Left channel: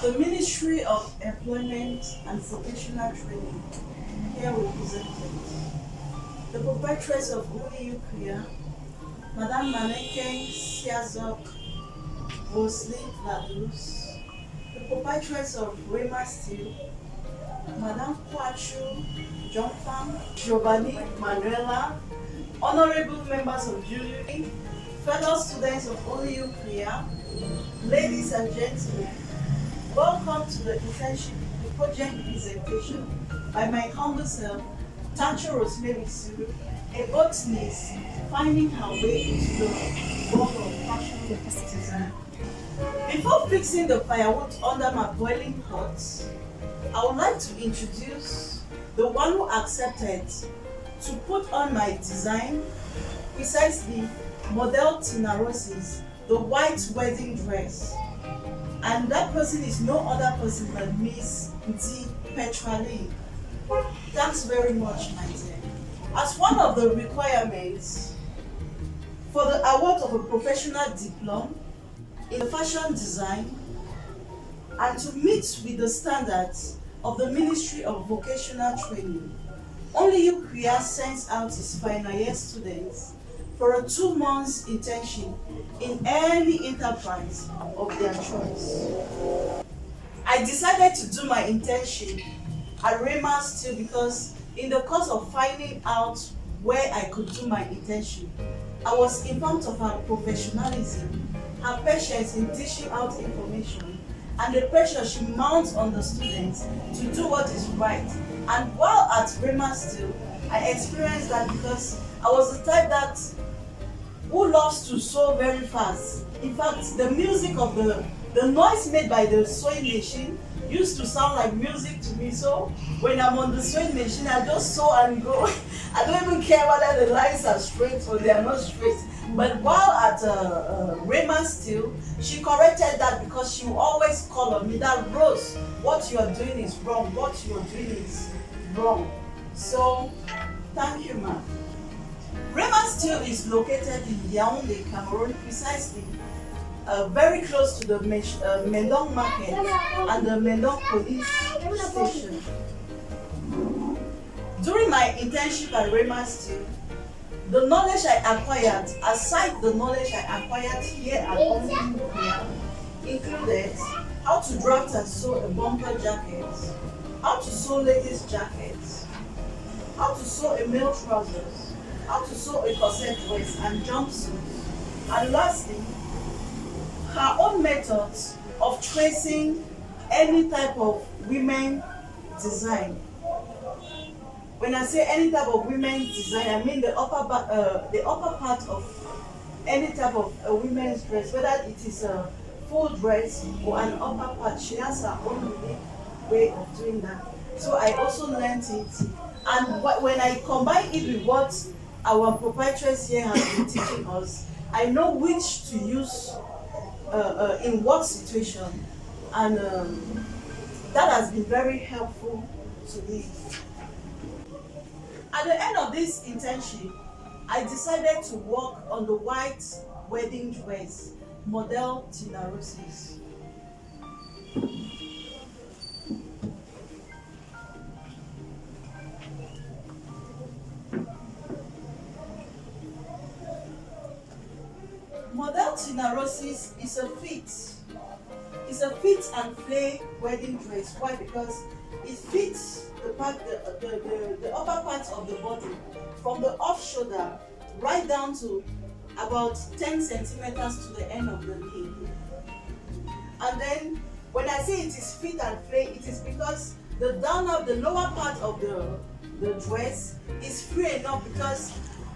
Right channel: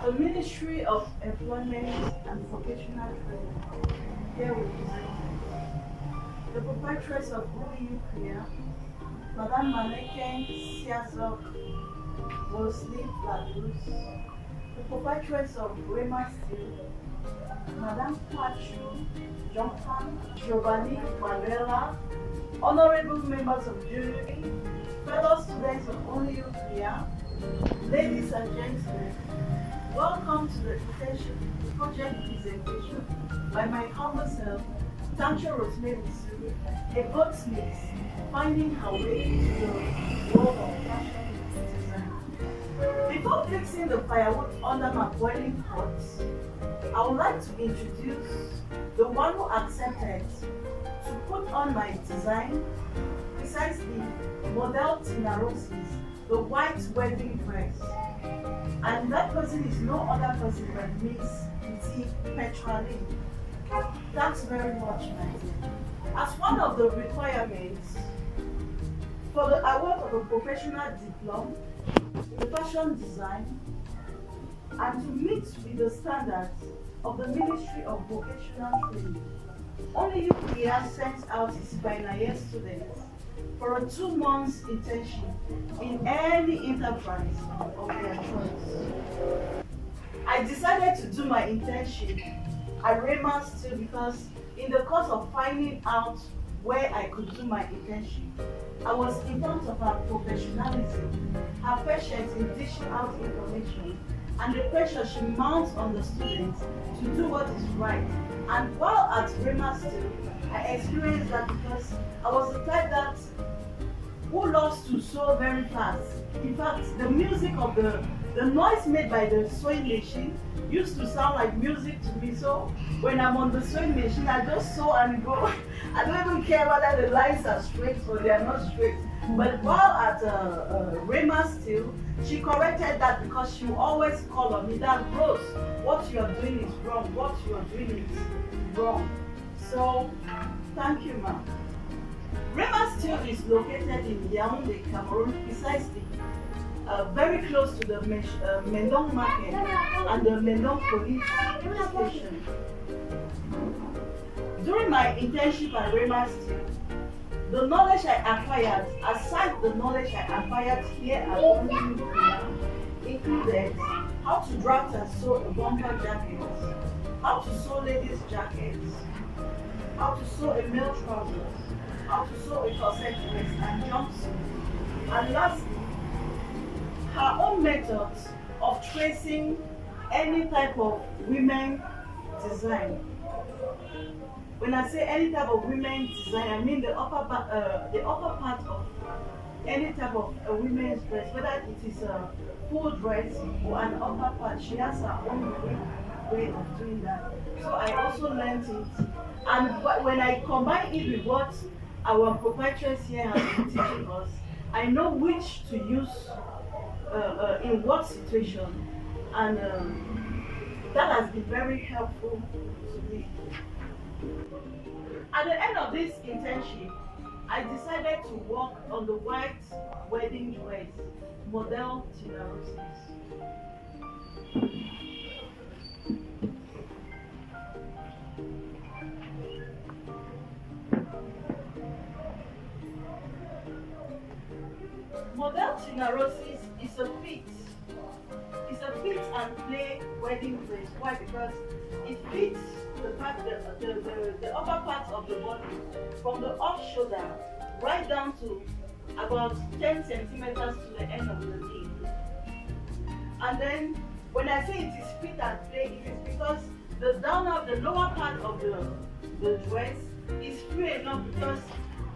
The Ministry of Employment and Vocational Training, here represented. The proprietress of OEU Korea, Madame Maneken Siazok Mosley Ladus, the proprietress of Rema Steel, Madame Kwachu Jongfan, Giovanni Manuela, honorable members of jury, fellow students of OEU Korea, ladies and gentlemen, welcome to the internship project presentation by my humble self, Tancho Rosemary Sue, a botanist finding her way into the world of fashion design. Before fixing the firewood under my boiling pot, I would like to introduce the one who accepted to put on my design, precisely model Tina Rose's the white wedding dress. And that person is no other person than Miss Nti Petrali. Thanks very much, my dear. As one of the requirements for the award of a professional diploma in fashion design and to meet with the standards of the Ministry of Vocational Training, only UPR sends out its final year students for a 2 months internship in any enterprise of their choice. I decided to do my internship at Rema Steel because in the course of finding out where I could do my internship, I was informed of her professionalism, her patience in dishing out information, and the pressure she mounts on the students to do what is right. And while at Rema Steel, I experienced that because I was the type that who loves to sew very fast. In fact, the music of the noise made by the sewing machine used to sound like music to me. So when I'm on the sewing machine, I just sew and go. I don't even care whether the lines are straight or they are not straight. But while at Rema Steel, she corrected that because she will always call on me that, Rose, what you are doing is wrong. What you are doing is wrong. So thank you, ma'am. Rema Steel is located in Yaoundé, Cameroon, precisely very close to the Mendong Market and the Mendong Police Station. During my internship at Rema Steel, the knowledge I acquired, aside the knowledge I acquired here at OEU Korea, included how to draft and sew a bumper jacket, how to sew ladies' jackets, how to sew a male trousers, how to sew a corset vest and jumpsuit, and lastly, her own methods of tracing any type of women design. When I say any type of women design, I mean the upper part of any type of a women's dress, whether it is a full dress or an upper part. She has her own unique way of doing that. So I also learned it, and when I combine it with what our proprietress here has been teaching us, I know which to use in what situation, and that has been very helpful to me. At the end of this internship, I decided to work on the white wedding dress, model Tina Rose's. Model Tina Rose's is a fit. It's a fit and Flay wedding dress. Why? Because it fits the upper part of the body from the off shoulder right down to about 10 centimeters to the end of the knee. And then when I say it is fit and Flay, it is because the lower part of the dress is free enough, because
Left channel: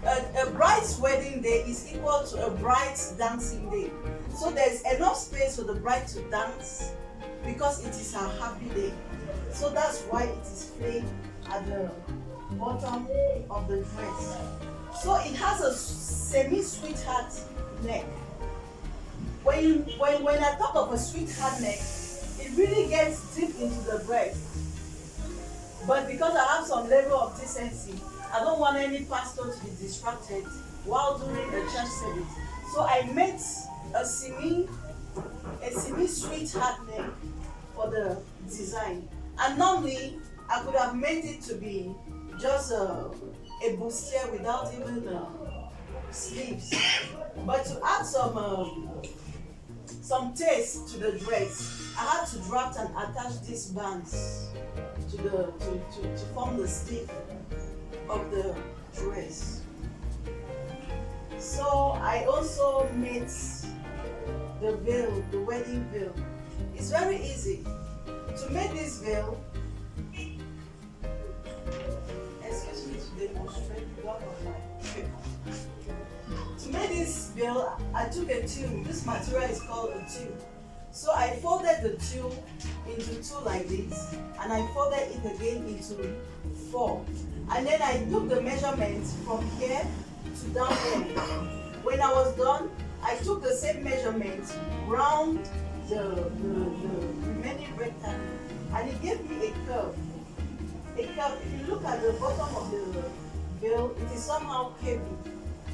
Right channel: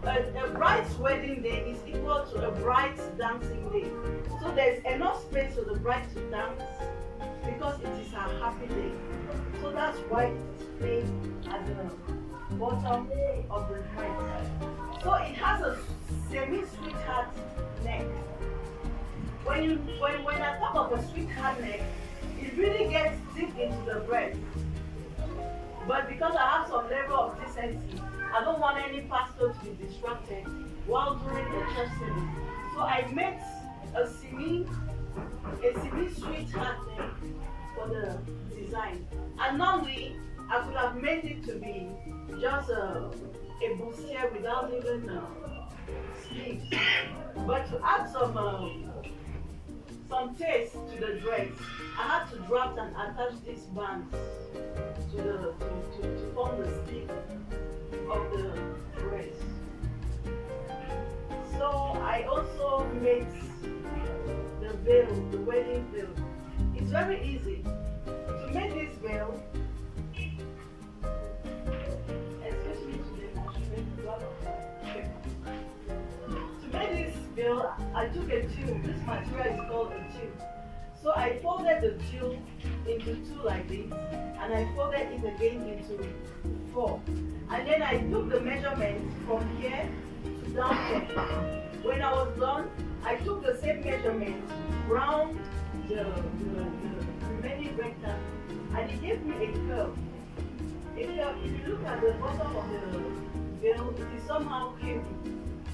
a bride's wedding day is equal to a bride's dancing day. So there's enough space for the bride to dance because it is her happy day. So that's why it is Flay at the bottom of the dress. So it has a semi-sweetheart neck. When I talk of a sweetheart neck, it really gets deep into the breast. But because I have some level of decency, I don't want any pastor to be distracted while doing the church service. So I made a semi-sweetheart neck for the design. And normally, I could have made it to be just a bustier without even sleeves. But to add some taste to the dress, I had to draft and attach these bands to form the sleeve of the dress. So I also made the veil, the wedding veil. It's very easy to make this veil. Excuse me to demonstrate one of my paper. To make this veil, I took a tube. This material is called a tube. So I folded the tube into two like this, and I folded it again into four. And then I took the measurements from here to down here. When I was done, I took the same measurements round the remaining rectangle, and it gave me a curve. A curve. If you look at the bottom of the veil, it is somehow curvy.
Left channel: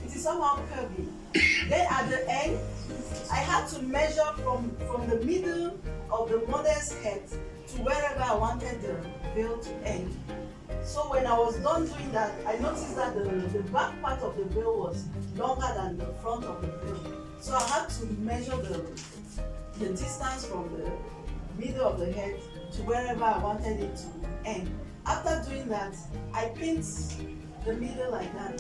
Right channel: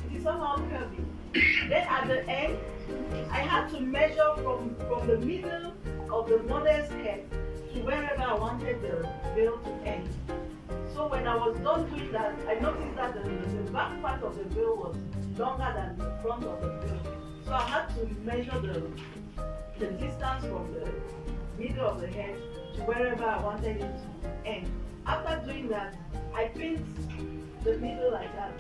It is somehow curvy. Then at the end, I had to measure from the middle of the model's head to wherever I wanted the veil to end. So when I was done doing that, I noticed that the back part of the veil was longer than the front of the veil. So I had to measure the distance from the middle of the head to wherever I wanted it to end. After doing that, I pinned the middle like that.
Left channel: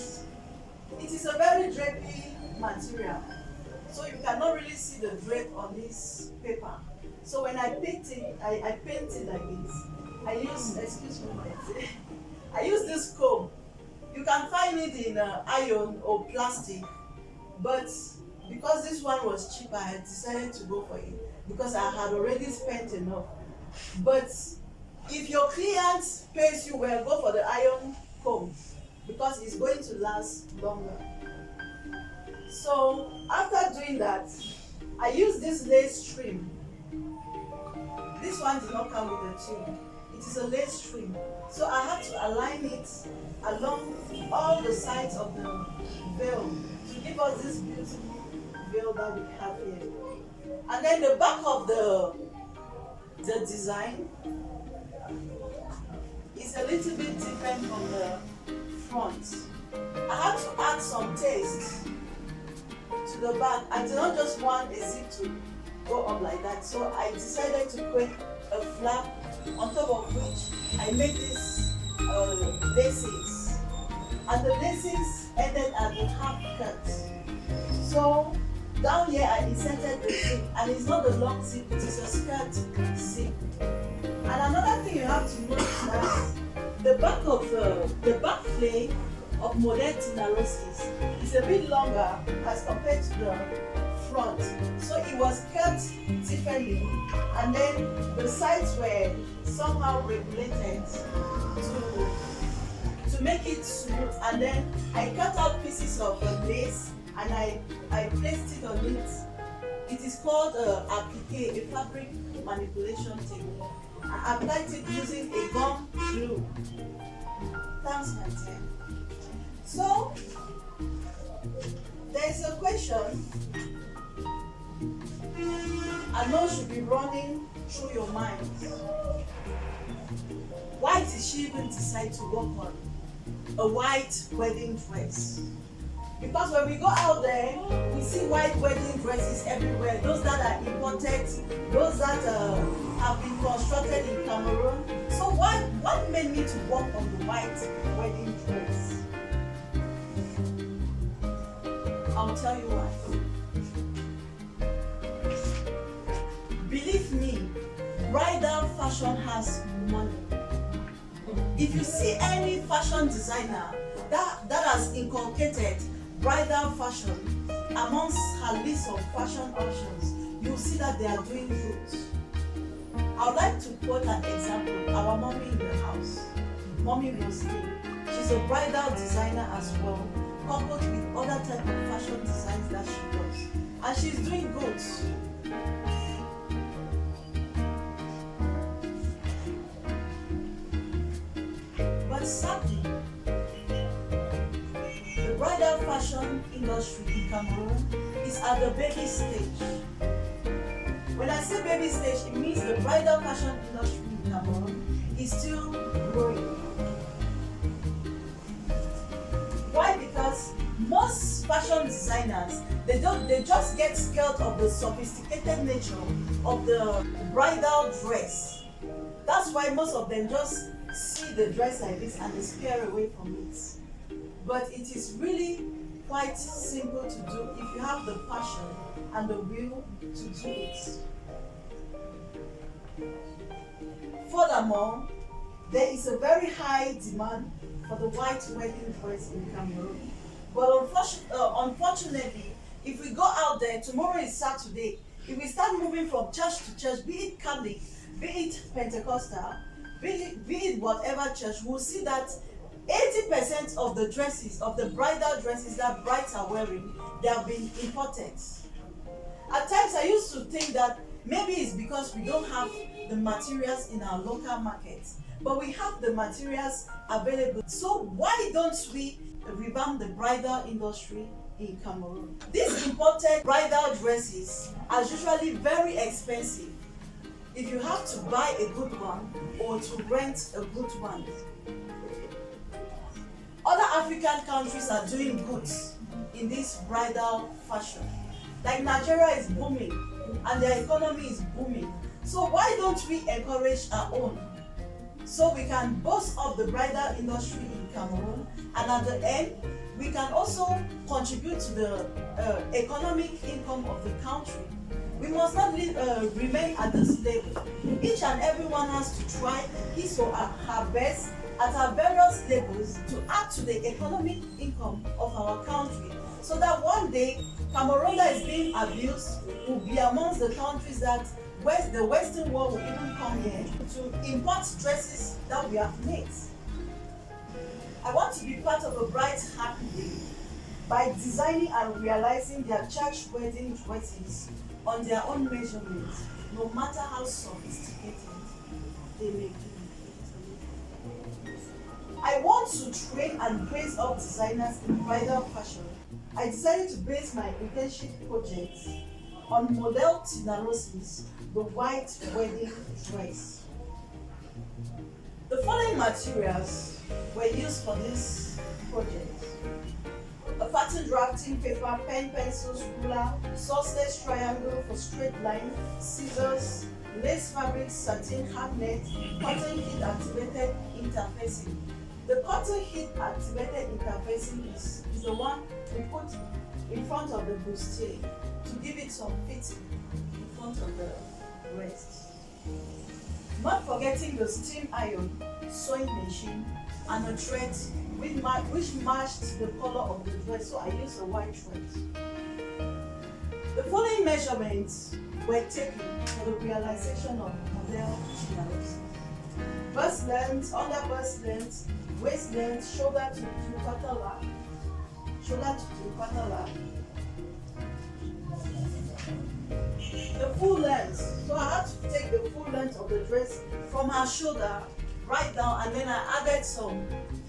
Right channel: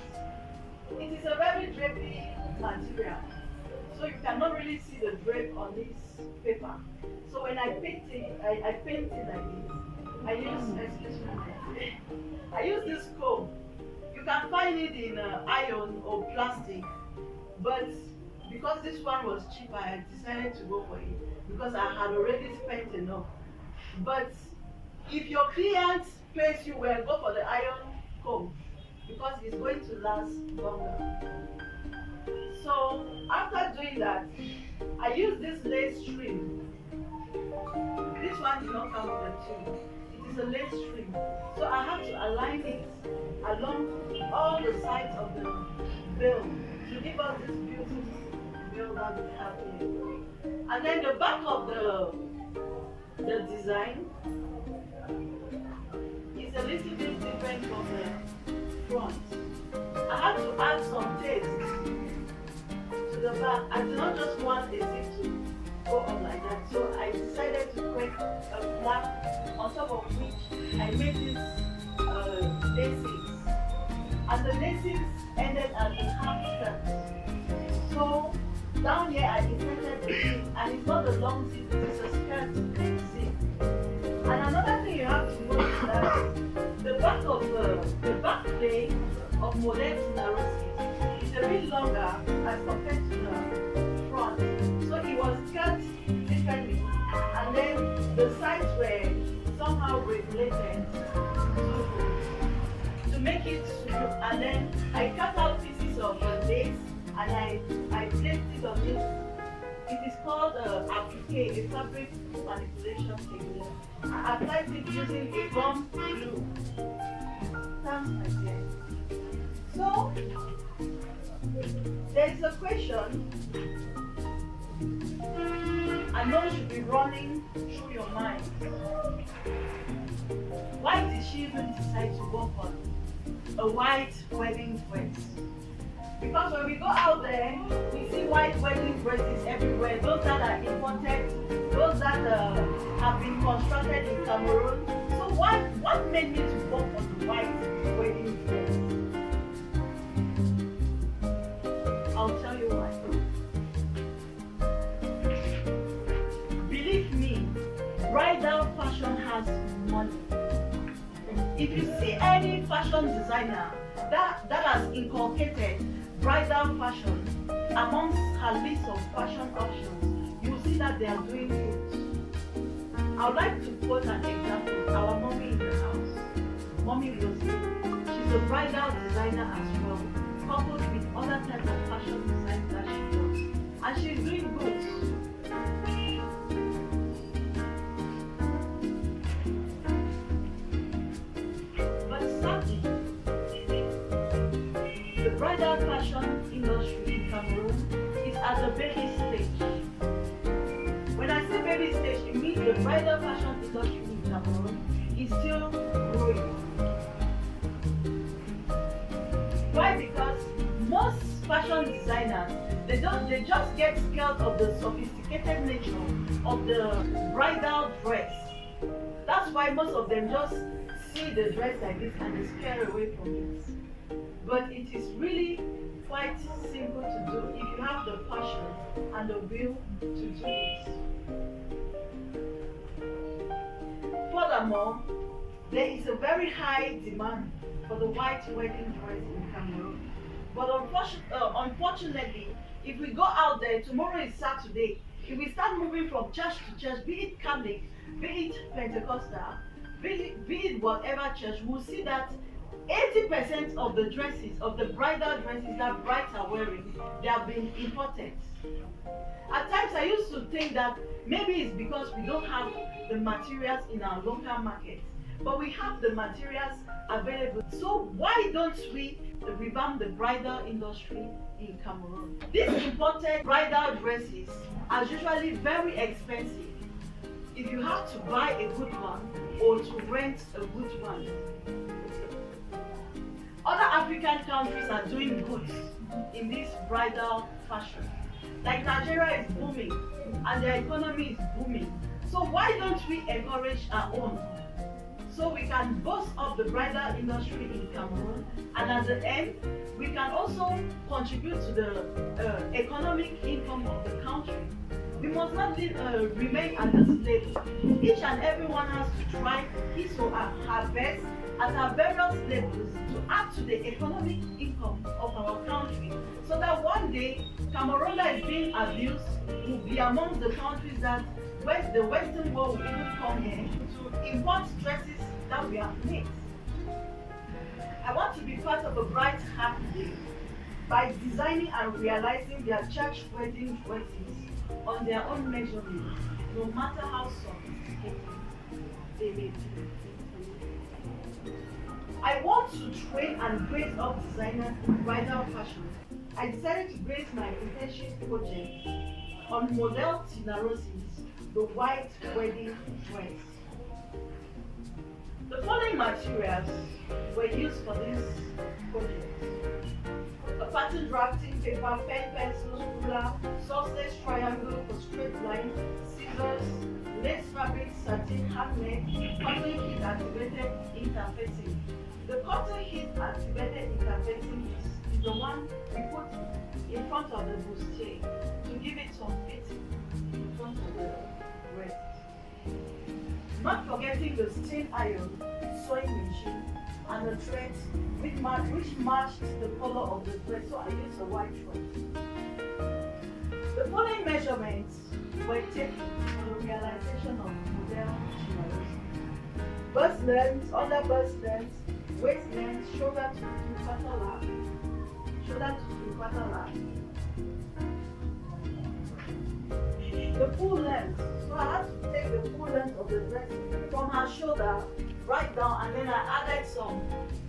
It is a very drapey material, so you cannot really see the drape on this paper. So when I paint it, I paint it like this. I use this comb. You can find it in iron or plastic, but because this one was cheaper, I decided to go for it because I had already spent enough. But if your client pays you well, go for the iron comb because it's going to last longer. So after doing that, I used this lace trim. This one did not come with a tube. It is a lace trim. So I had to align it along all the sides of the veil to give us this beautiful veil that we have here. And then the back of the design is a little bit different from the front. I had to add some taste to the back. I did not just want a zip to go up like that, so I decided to create a flap on top of which I made these laces, and the laces ended at the half cut. So down here I inserted the zip, and it's not a long zip, it is a skirt zip. And another thing you have to note is that the back of the back flay of modern Tinarosis is a bit longer as compared to the front. So it was cut differently, and then the sides were somehow regulated to make it smooth. And then I cut out pieces of the lace and I placed it on it. It is called applique, a fabric manipulation technique. I applied it using a gum glue. Thanks, my dear. So there is a question I know should be running through your mind. Why did she even decide to work on a white wedding dress? Because when we go out there, we see white wedding dresses everywhere. Those that are imported, those that have been constructed in Cameroon. So what made me to work on the white wedding dress? I'll tell you why. Believe me, bridal fashion has money. If you see any fashion designer that has inculcated bridal fashion amongst her list of fashion options, you'll see that they are doing good. I would like to quote an example. Our mommy in the house, Mommy Rosalie. She's a bridal designer as well, coupled with other type of fashion designs that she does. And she's doing good. But sadly, the bridal fashion industry in Cameroon is at the baby stage. When I say baby stage, it means the bridal fashion industry in Cameroon is still growing. Why? Because most fashion designers, they just get scared of the sophisticated nature of the bridal dress. That's why most of them just see the dress like this and they scare away from it. But it is really quite simple to do if you have the passion and the will to do it. Furthermore, there is a very high demand for the white wedding dress in Cameroon. But unfortunately, if we go out there, tomorrow is Saturday, if we start moving from church to church, be it Catholic, be it Pentecostal, be it whatever church, we'll see that 80% of the dresses, of the bridal dresses that brides are wearing, they have been imported. At times I used to think that maybe it's because we don't have the materials in our local markets, but we have the materials available. So why don't we revamp the bridal industry in Cameroon? These imported bridal dresses are usually very expensive if you have to buy a good one or to rent a good one. Other African countries are doing good in this bridal fashion. Like Nigeria is booming and their economy is booming. So why don't we encourage our own, so we can boost up the bridal industry in Cameroon, and at the end we can also contribute to the economic income of the country. We must not remain at this level. Each and everyone has to try his or her best at our various levels to add to the economic income of our country, so that one day Cameroon that is being abused will be amongst the countries that the Western world will even come here to import dresses that we have made. I want to be part of a bright, happy day by designing and realizing their church wedding dresses on their own measurements, no matter how sophisticated they may be. I want to train and raise up designers in bridal fashion. I decided to base my internship project on Model Tina Rose's The White Wedding Dress. The following materials were used for this project: a pattern drafting paper, pen, pencils, ruler, sausage triangle for straight line, scissors, lace fabric, satin, handmade, cotton heat activated interfacing. The cotton heat activated interfacing is the one we put in front of the bustier to give it some fitting in front of the breast. Not forgetting the steam iron, sewing machine, and the thread which matched the color of the dress, so I used a white thread. The following measurements were taken for the realization of model channels: bust length, under bust length, waist length, shoulder to three-quarter lap, the full length. So I had to take the full length of the dress from her shoulder right down, and then I added some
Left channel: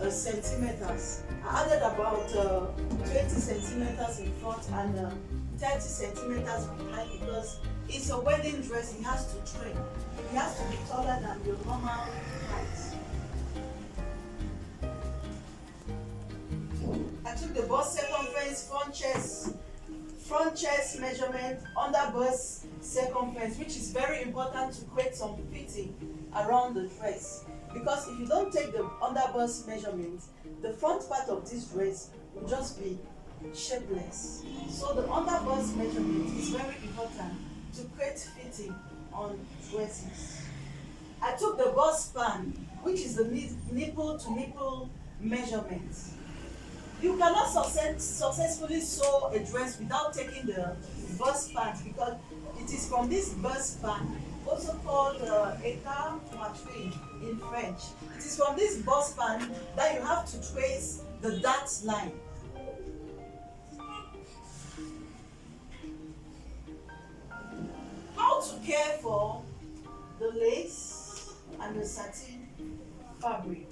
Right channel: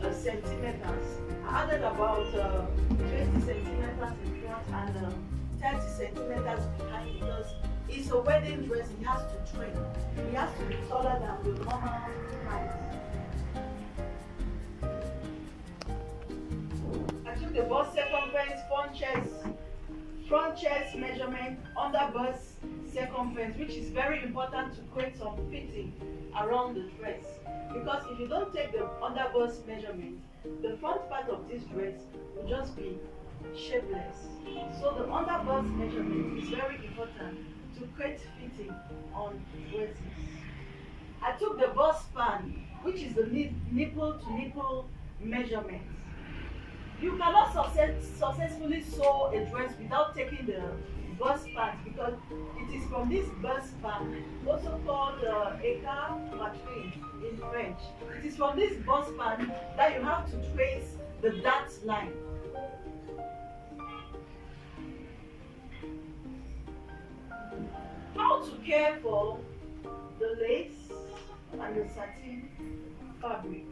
centimeters. I added about 20 centimeters in front and 30 centimeters behind, because it's a wedding dress. It has to train. It has to be taller than the normal height. I took the bust circumference, front chest measurement, under bust circumference, which is very important to create some fitting around the dress. Because if you don't take the under bust measurement, the front part of this dress will just be shapeless. So the under bust measurement is very important to create fitting on dresses. I took the bust span, which is the nipple to nipple measurement. You cannot successfully sew a dress without taking the bust part, because it is from this bust part, also called écart poitrine in French. It is from this bust part that you have to trace the dart line. How to care for the lace and the satin fabric.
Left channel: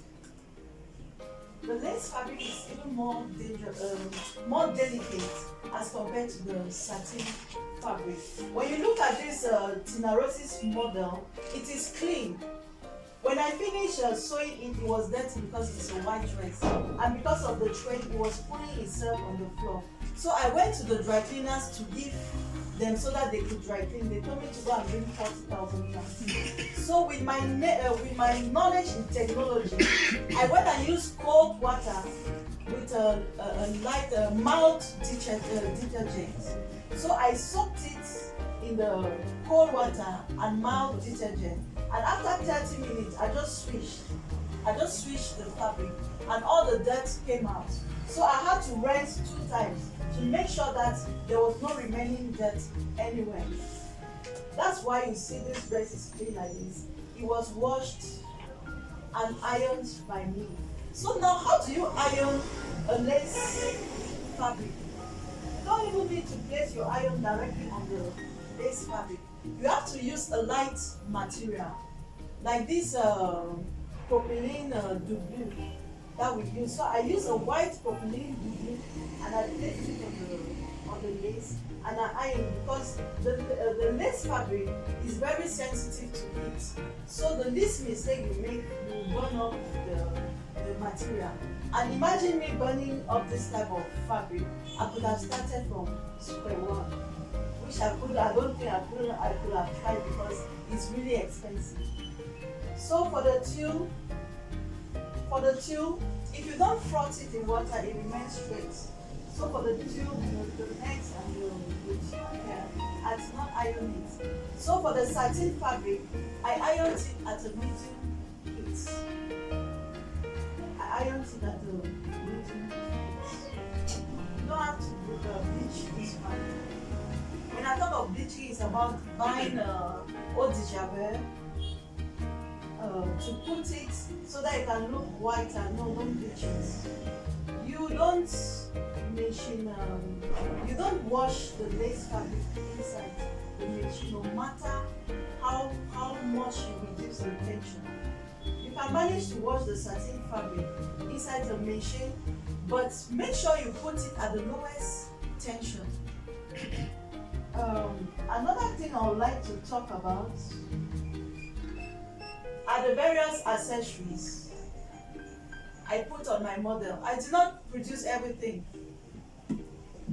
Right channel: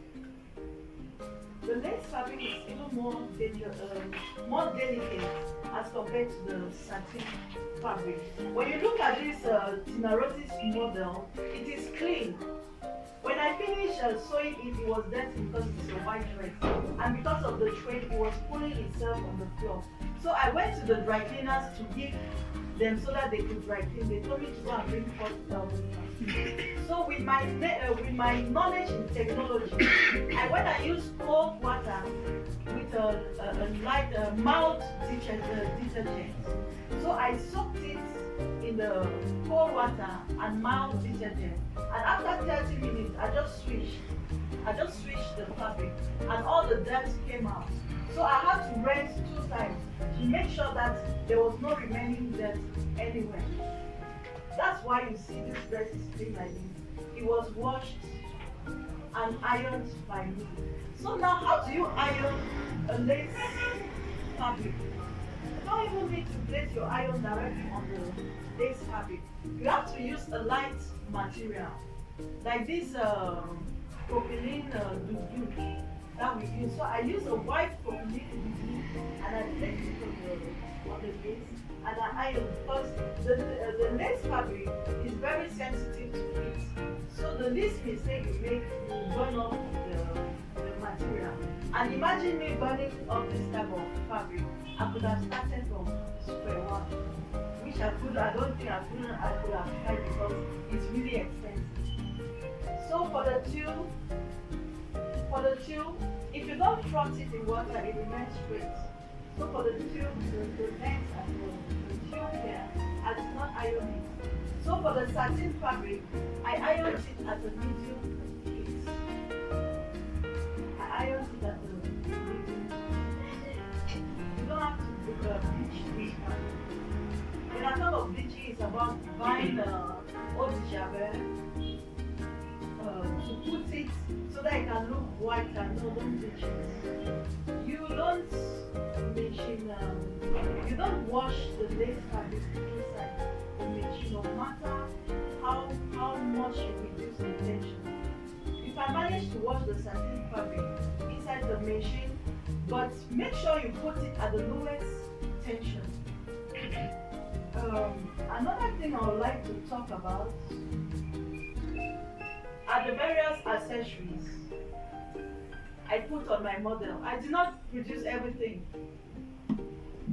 The lace fabric is even more delicate as compared to the satin fabric. When you look at this Tina Rose's model, it is clean. When I finished sewing it, it was dirty because it's a white dress, and because of the trade, it was pulling itself on the floor. So I went to the dry cleaners to give them so that they could dry clean. They told me to go and bring 40,000 pounds. So with my knowledge in technology, I went and used cold water with a light mild detergent. So I soaked it in the cold water and mild detergent. And after 30 minutes, I just switched the fabric, and all the dirt came out. So I had to rinse 2 times to make sure that there was no remaining dirt anywhere. That's why you see this dress is clean like this. It was washed and ironed by me. So now, how do you iron a lace fabric? You don't even need to place your iron directly on the lace fabric. You have to use a light material, like this propylene doubloon that we use. So I use a white propylene doubloon and I place it on the lace and I iron, because the lace fabric is very sensitive to heat. So the least mistake you make, you burn up the material. And imagine me burning up this type of fabric. I could have started from square one, which I don't think I could have tried because it's really expensive. So for the tulle, if you don't froth it in water, it remains straight. So for the tulle, the neck and the tulle here, I did not iron it. So for the satin fabric, I ironed it at a medium heat. I ironed it at a medium heat. You don't have to bleach this fabric. When I talk of bleaching, it's about buying eau de javel to put it so that it can look white, and no, don't bleach it. You don't machine, you don't wash the lace fabric inside the machine, no matter how much you reduce the tension. You can manage to wash the satin fabric inside the machine, but make sure you put it at the lowest tension. Another thing I would like to talk about are the various accessories I put on my model. I did not produce everything.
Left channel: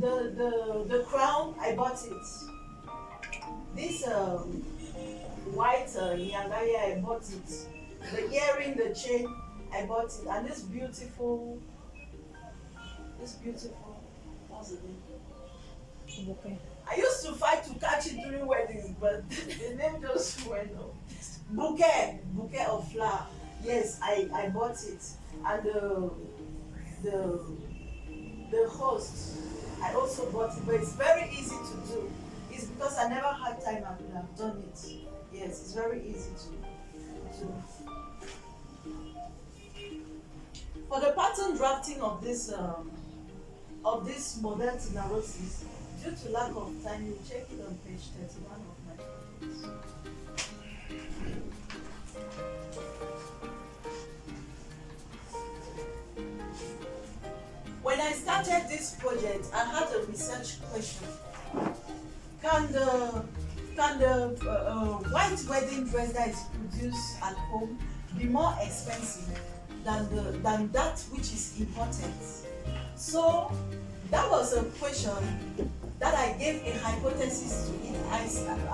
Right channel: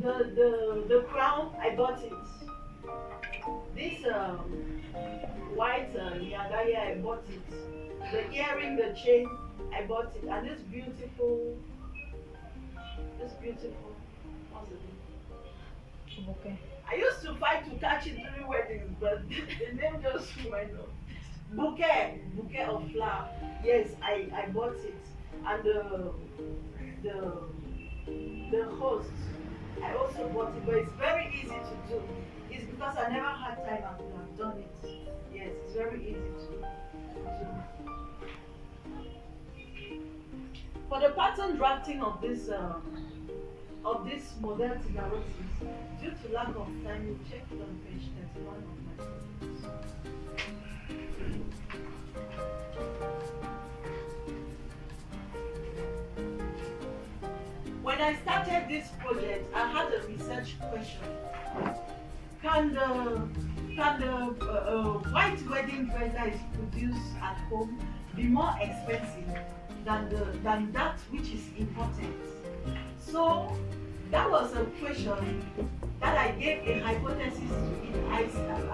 The crown, I bought it. This white nyangaya, I bought it. The earring, the chain, I bought it. And this beautiful, what's the name? Okay. I used to fight to catch it during weddings, but the name just went off. Bouquet of flower. Yes, I bought it. And the host, I also bought it, but it's very easy to do. It's because I never had time, I could have done it. Yes, it's very easy to do. For the pattern drafting of this model Tina Rose's, due to lack of time, you check it on page 31 of my books. When I started this project, I had a research question. Can the white wedding dress that is produced at home be more expensive than that which is imported? So that was a question that I gave a hypothesis to it.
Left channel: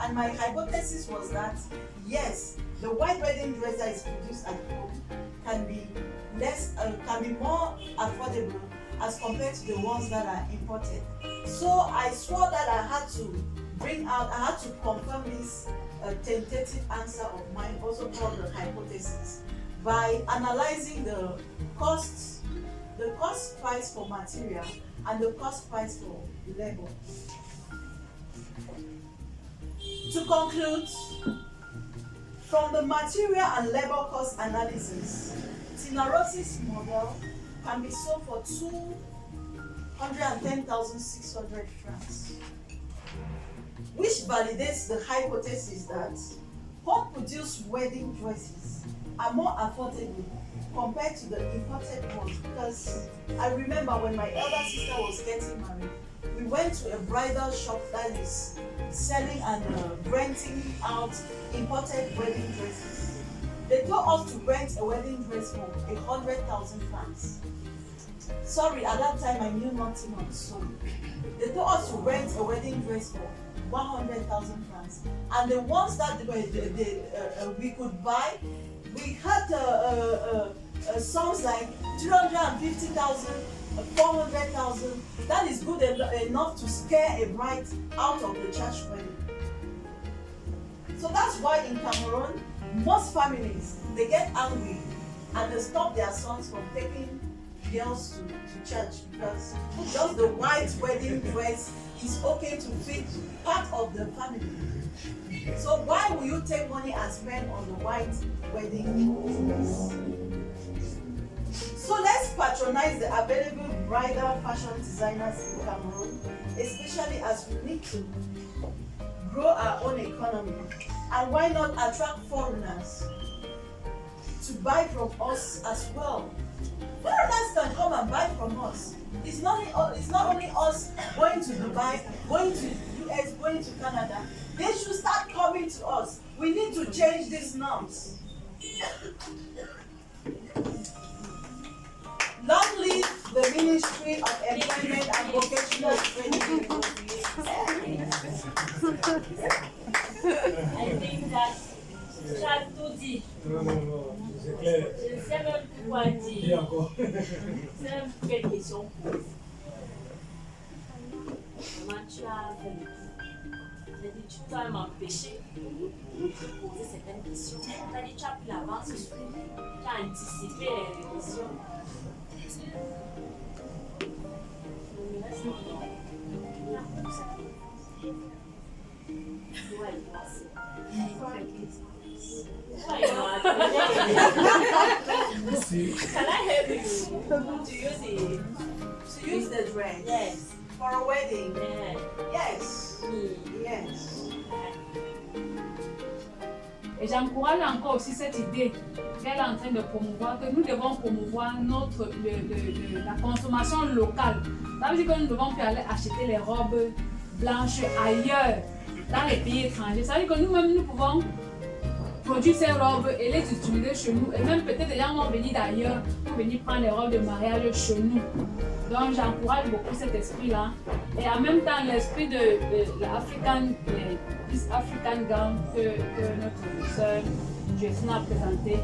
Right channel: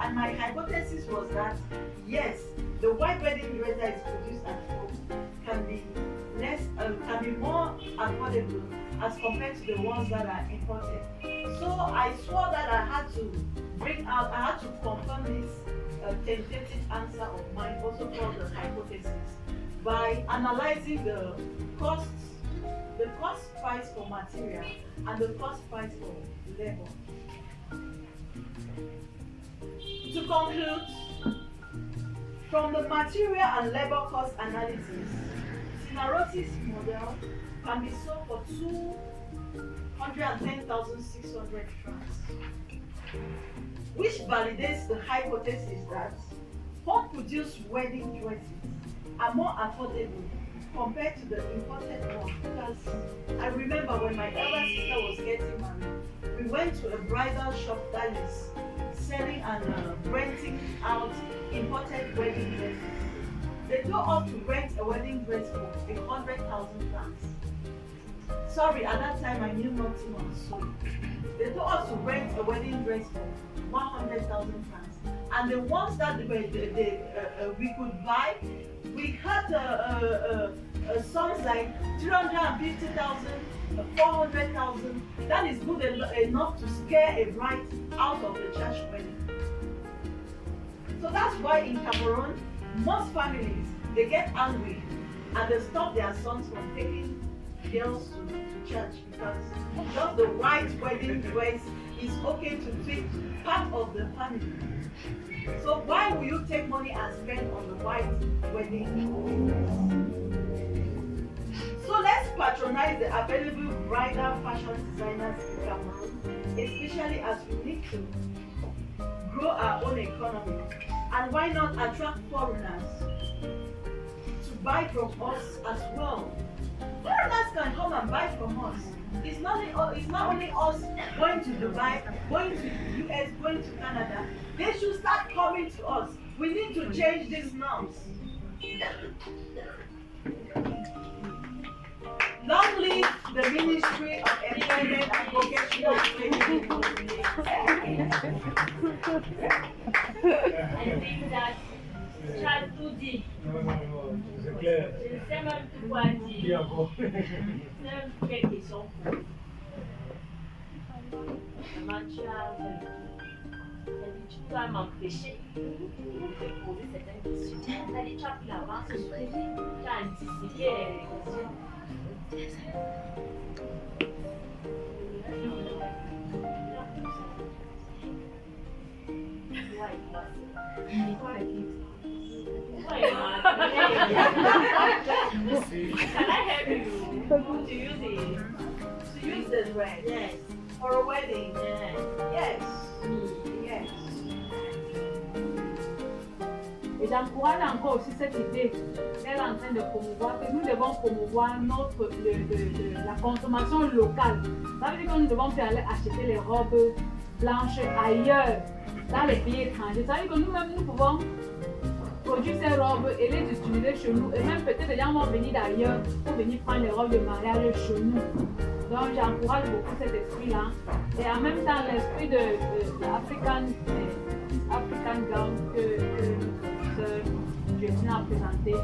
And my hypothesis was that yes, the white wedding dress that is produced at home can be more affordable as compared to the ones that are imported. So I swore that I had to confirm this tentative answer of mine, also called the hypothesis, by analyzing the cost price for material and the cost price for labor. To conclude, from the material and labor cost analysis, Tina Rose's model can be sold for 210,600 francs, which validates the hypothesis that home-produced wedding dresses are more affordable compared to the imported ones. Because I remember when my elder sister was getting married, we went to a bridal shop that is selling and renting out imported wedding dresses. They told us to rent a wedding dress for 100,000 francs. Sorry, at that time I knew nothing on sewing. They told us to rent a wedding dress for 100,000 francs. And the ones that we could buy, we had sums like 350,000, 400,000. That is good enough to scare a bride out of the church wedding. So that's why in Cameroon, most families, they get angry and they stop their sons from taking girls to church because just the white wedding dress is okay to fit part of the family. So why will you take money and spend on the white wedding dress? So let's patronize the available bridal fashion designers in Cameroon, especially as we need to grow our own economy. And why not attract foreigners to buy from us as well? Foreigners can come and buy from us. It's not only us going to Dubai, going to US, going to Canada. They should start coming to us. We need to change these norms. Long live the Ministry of Employment and Vocational Training. I think that tu as tout dit. Non, c'est clair. Je ne sais même plus quoi dire. Dis encore. Je ne sais même plus quelle question poser. Comment tu as fait? Tu as dit tu dois m'empêcher de poser certaines questions. Tu as dit tu as pris l'avance sur lui. Tu as anticipé les questions. Can I help you to use the dress? Yes. For a wedding? Yeah. Yes. Me. Yes. Et j'encourage encore aussi cette idée qu'elle est en train de promouvoir, que nous devons promouvoir la consommation locale. Ça veut dire que nous devons aller acheter les robes blanches ailleurs, dans les pays étrangers. Ça veut dire que nous-mêmes, nous pouvons produire ces robes et les utiliser chez nous. Et même peut-être les gens vont venir d'ailleurs pour venir prendre les robes de mariage chez nous. Donc j'encourage beaucoup cet esprit-là. Et en même temps, l'esprit de l'African gown que notre sœur Jessie a présenté.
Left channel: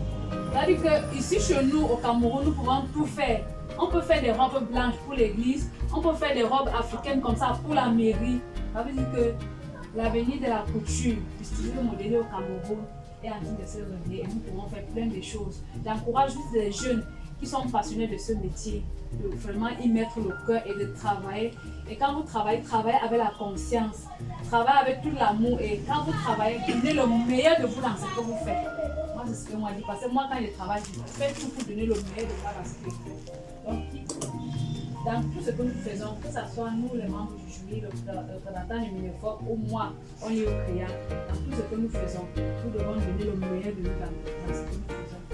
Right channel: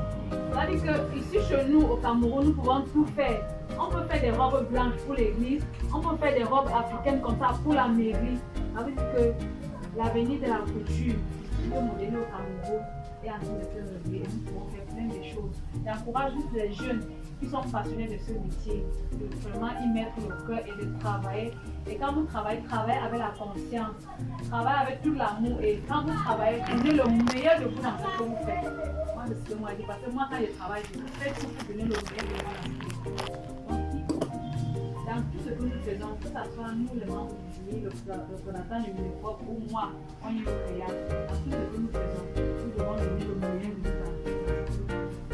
C'est-à-dire qu'ici chez nous, au Cameroun, nous pouvons tout faire. On peut faire des robes blanches pour l'église, on peut faire des robes africaines comme ça pour la mairie. Ça veut dire que l'avenir de la couture, distribuée modélée au Cameroun, est en train de se réveiller. Nous pouvons faire plein de choses. J'encourage tous les jeunes qui sont passionnés de ce métier, de vraiment y mettre le cœur et de travailler. Et quand vous travaillez, travaillez avec la conscience, travaillez avec tout l'amour. Et quand vous travaillez, donnez le meilleur de vous dans ce que vous faites. Moi, c'est ce que moi je dis. Parce que moi, quand je travaille, je fais tout pour donner le meilleur de moi dans ce que je fais. Donc, dans tout ce que nous faisons, que ce soit nous, les membres du jury, le représentant du Minefop, ou moi, on est au créant, tout ce que nous faisons, nous devons donner le meilleur de nous dans ce que nous faisons.